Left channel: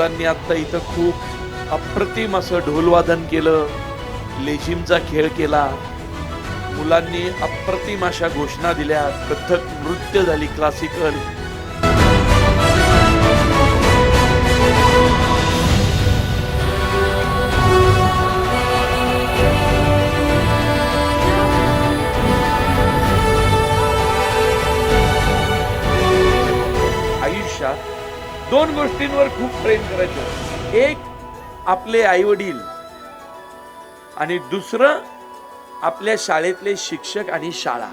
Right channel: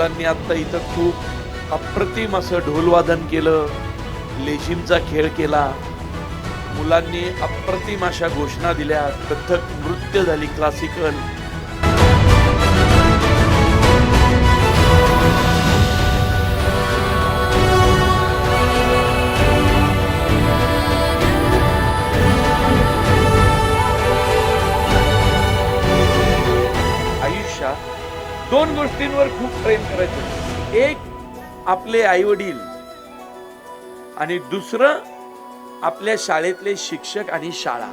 मुलांनी आता इथं खूप अप्रतिम असं ढोलवादन केलं, लेझिमचा खेळ केला. मुलांनी अप्रतिम अशा घोषणा दिल्या, कथ्थक नृत्य झाली, क्लासिकल. आयुष्यात दोन गोष्टींवर खूप प्रेम करायचं. एक आपले आई वडील आणि दुसरं आपल्या शाळेतले शिक्षक आणि शाळा.